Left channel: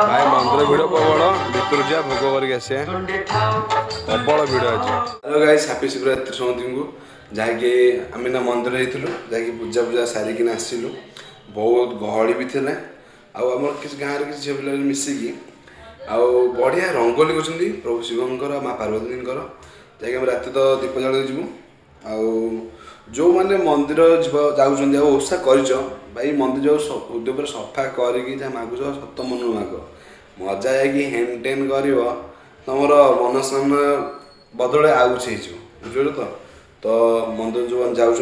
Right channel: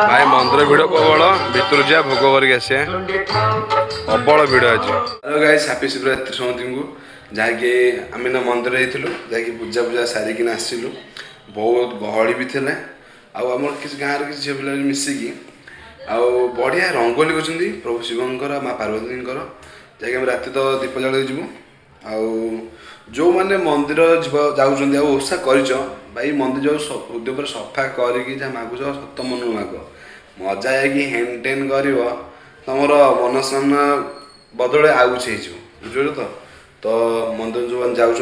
भाई मंदिर भिड़ प्रबल भितर जा भोग करके आसे प्रबल भिड़ अच्छे। हेलो गाइस हैप्पी शिवरात्रि समस्त को जहाँकि आम ना मंदिर जाकि पूजा पूजा सारिकी आसलु बहुत गहली भी थे आम किसी गाँव किसी झील पिला मिसिकी आउ बढ़िया रंगोली कर प्रभु शिवंकर माँ पार्वती जहाँकि आम राति तो दीप जल जीवु आउ जो मैंने मंदिर जाऊँ ओषा कर भाई मंदिर जो उद्योग सफा करके जहाँ मागुच सत मन माग मजा है कि हेन टेन कर तुम मनस्कामना बदल आउ कुछ बुझे तो मंदिर जो मैंने जाऊँ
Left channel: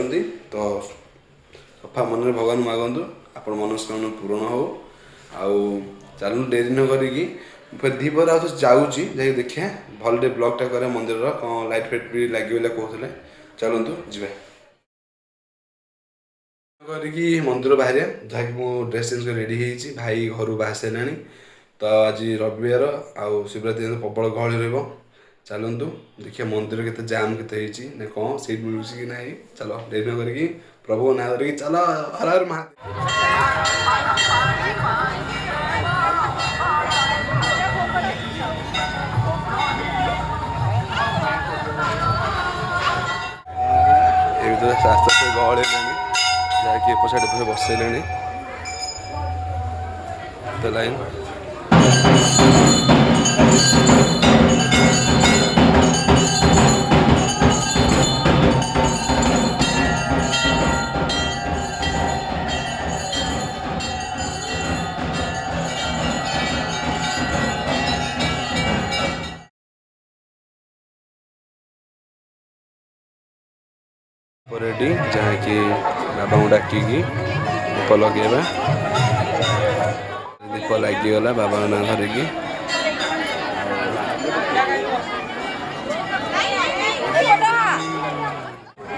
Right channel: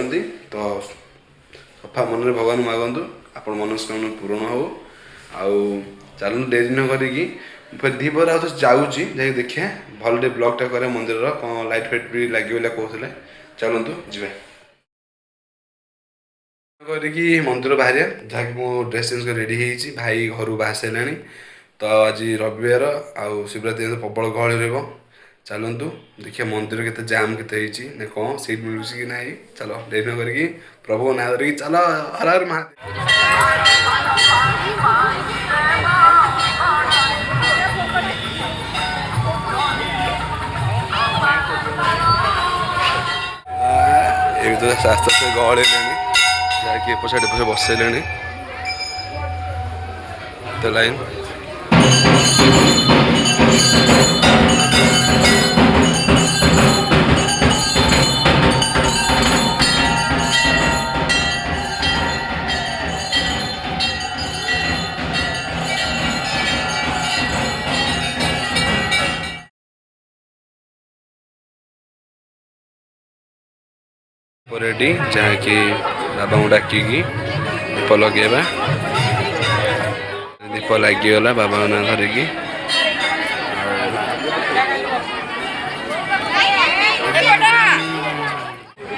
तो सफा मन भगवान मागतु आप मनस्कामना पूरण हो आउ चलू डेरी न करी फिर दीपर आउ तो जाऊँगी जाकि देखिए भल टे ब्लॉगटा करें मंदिर कौन लाइट फाइट भी लगे कहते चलतु जी करके मंदिर बाहर जहाँकि मो ड्रेस चेंज कर रेडी होती भाई घर बाहर सारे तो आज रविवार आउ शिवरात्रि दिन प्रबल गहली रहा चलतु देखिए मंदिर के जाम के कौन सीट मिलूँ कि ना चलो डेरी न करके प्रभु ना धरिकी चलो हर हर महादेव। तो आस्ते आस्ते गहल जाकि एपटे पछे बसैले तो लाइन रेडी जहाँकि बाबा को डाकिकी दीप लगेगा दीप लगिगला बाबा ना धरिकी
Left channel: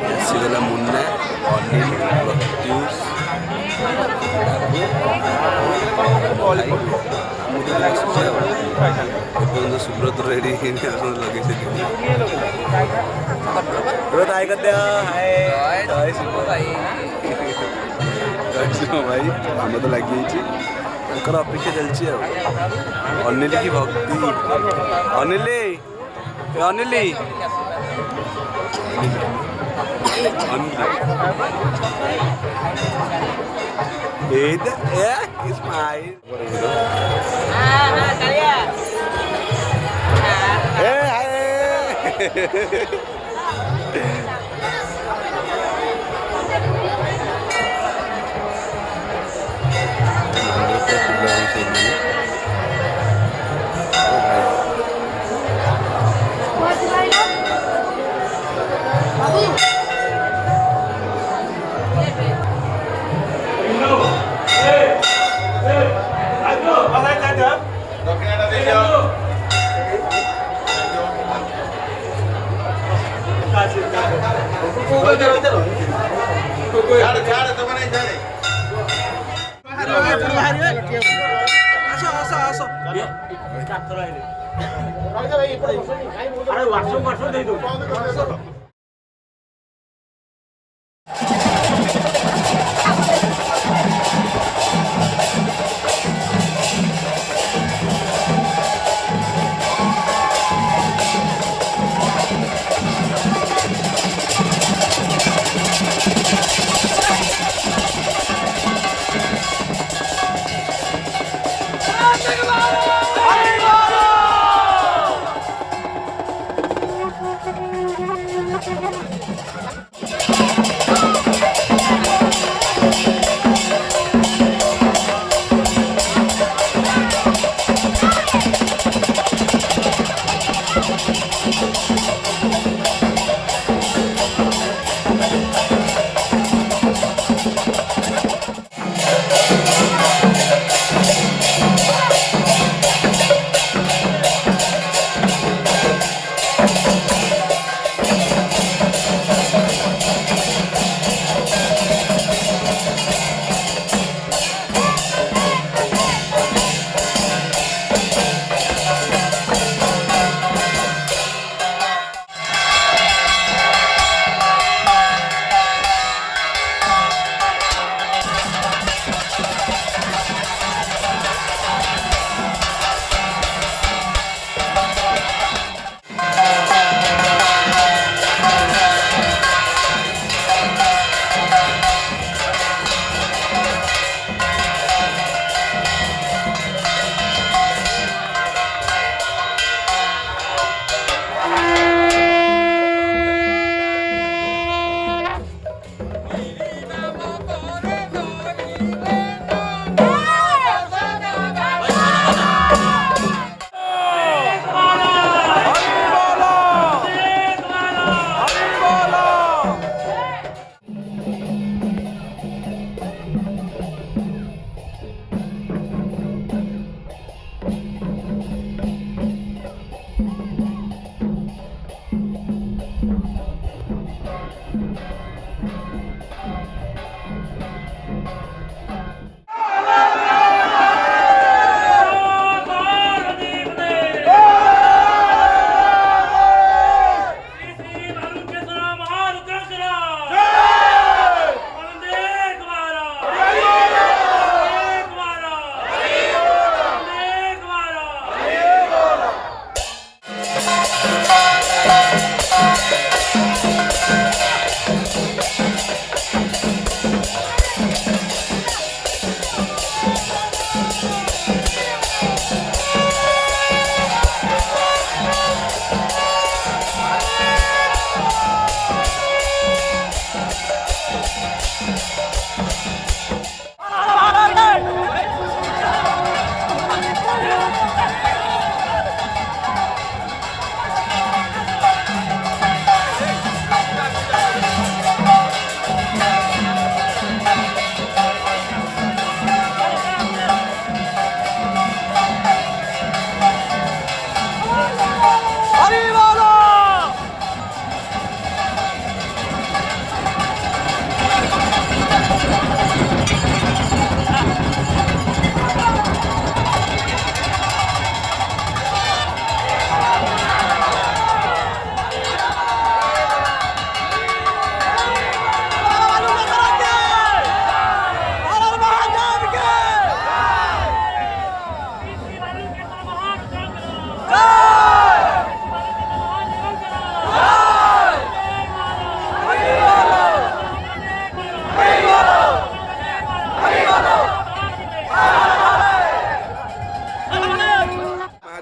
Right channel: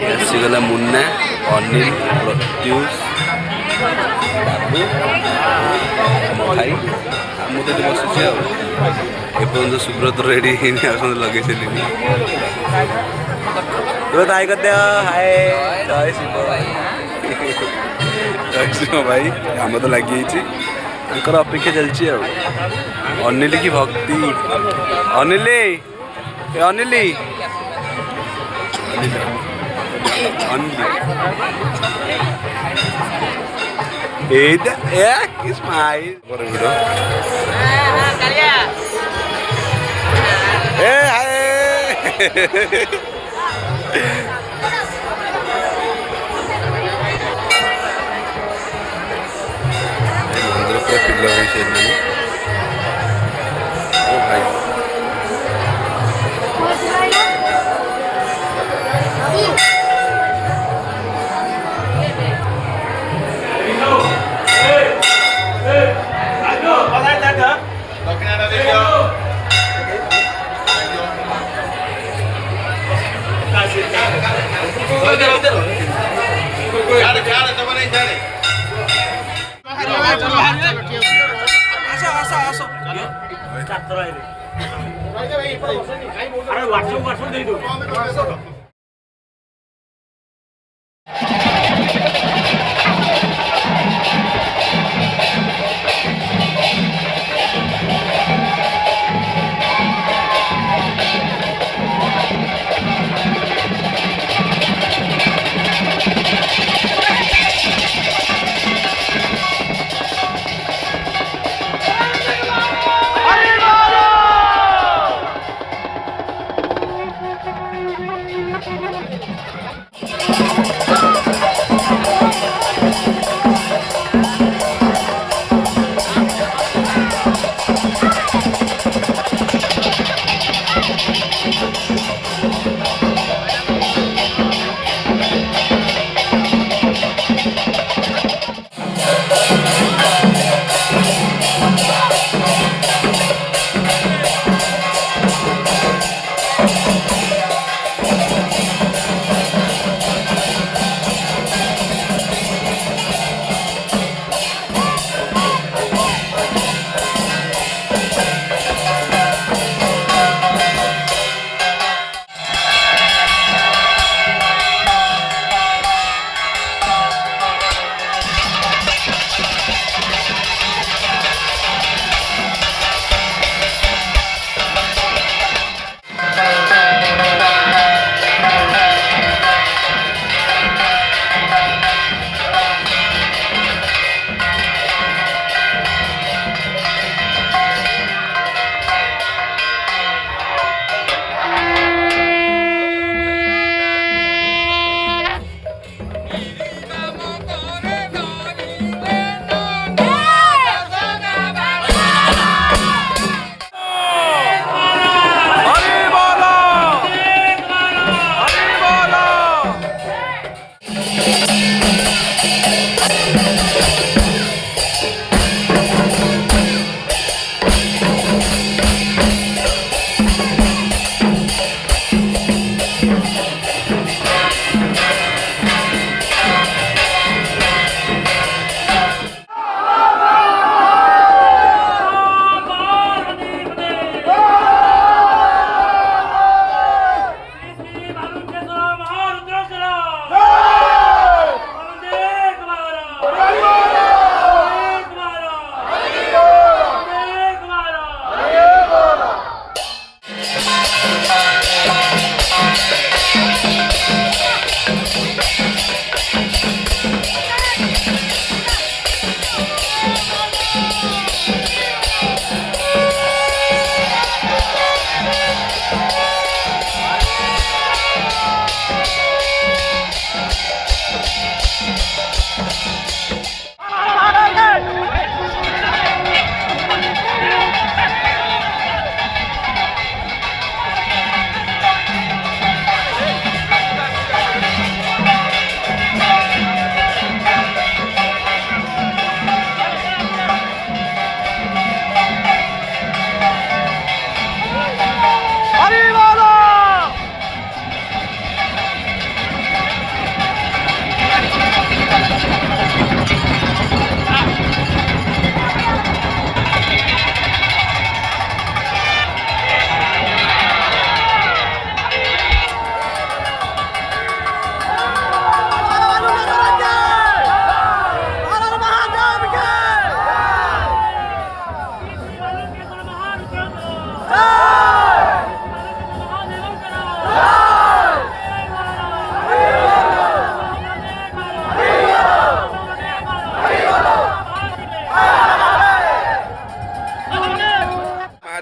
आसीगला मुन्ना अनिल प्रत्युष मुझे बसुची आपर्यंत सुब्रत रेडी लगे तो हाय कर दिया हाय सिंह भाई आम तो लगी अपेक्षा चलती अनिल की भक्ति अनिल अनिल मंदिर पूरा पिला भाई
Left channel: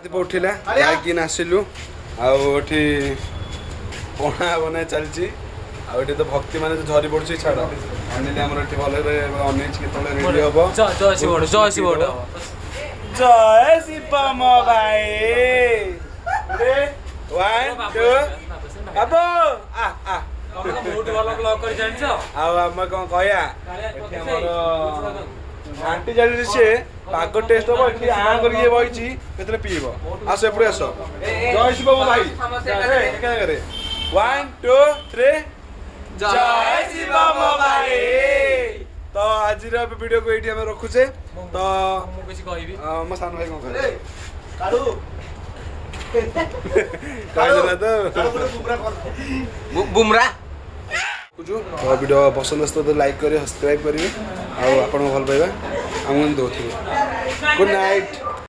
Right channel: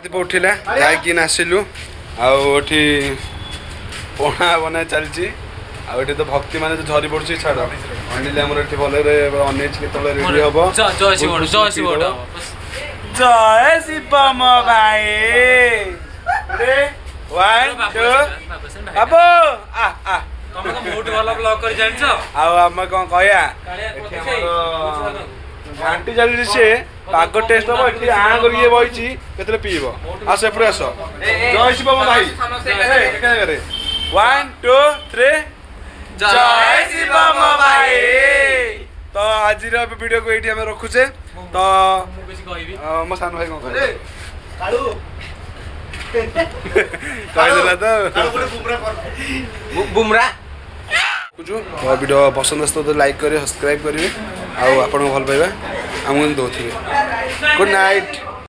ଦୀପ ଉଠିଲା ଯାଇକି ଆସିଲୁ ଆଉ ଏଠି ପଣା ବନା ଚାଲିଛି ଆଉ ଏଠି ତ ଭକ୍ତି ମାନେ ଝରି ପଡୁଛି ଛାଡ଼ ଅନିଲ ଆମର ଏଠି ଭଲରେ ଅନେଇଛି କେତେବେଳେ ରେଡି ହବ ଜୟ ଶିବ ଜୟ ଶିବ ଜୟ ଶିବ ମୋ ଭାଇ ୱାନ୍ ଟୁ ବାବୁ ତମେ ତ ବହୁତ ଭଲ ବ୍ଲଗ କରି ଜାଣିଛ ଆଉ ଆମେ କଣ କହିବା ଏଠି ଆମର ଘାଣ୍ଟି ଚାଲିଛି ସେ ପାଗ ଟେଷ୍ଟ ହବ ଏଠି ଆଣ କରିକି ବଇଛି କେତେବେଳେ ପିଇବ ଆସ ଏପଟେ ଆସ ଜୟ ଶିବ ମୋ ଭାଇ ୱାନ୍ ଟୁ ଥ୍ରୀ ଜୟ ଶିବ ମୋ ଭାଇ ତ ଆଜିର ଭିଡ଼ିଓକୁ ଏଇଠି ଆମେ ରଖୁଛେ ତ ମୁଁ କିଛି କହିବି ମୋ ସାନ ଭାଇ କଣ କହିବେ କହିଦେଲା ତ ବୁମରା तो वीडियो पसंद आस तो लाइक करेंगे सब्सक्राइब करेंगे आउ आपको भल पाइबा आमको दौथिबे गुड नाइट।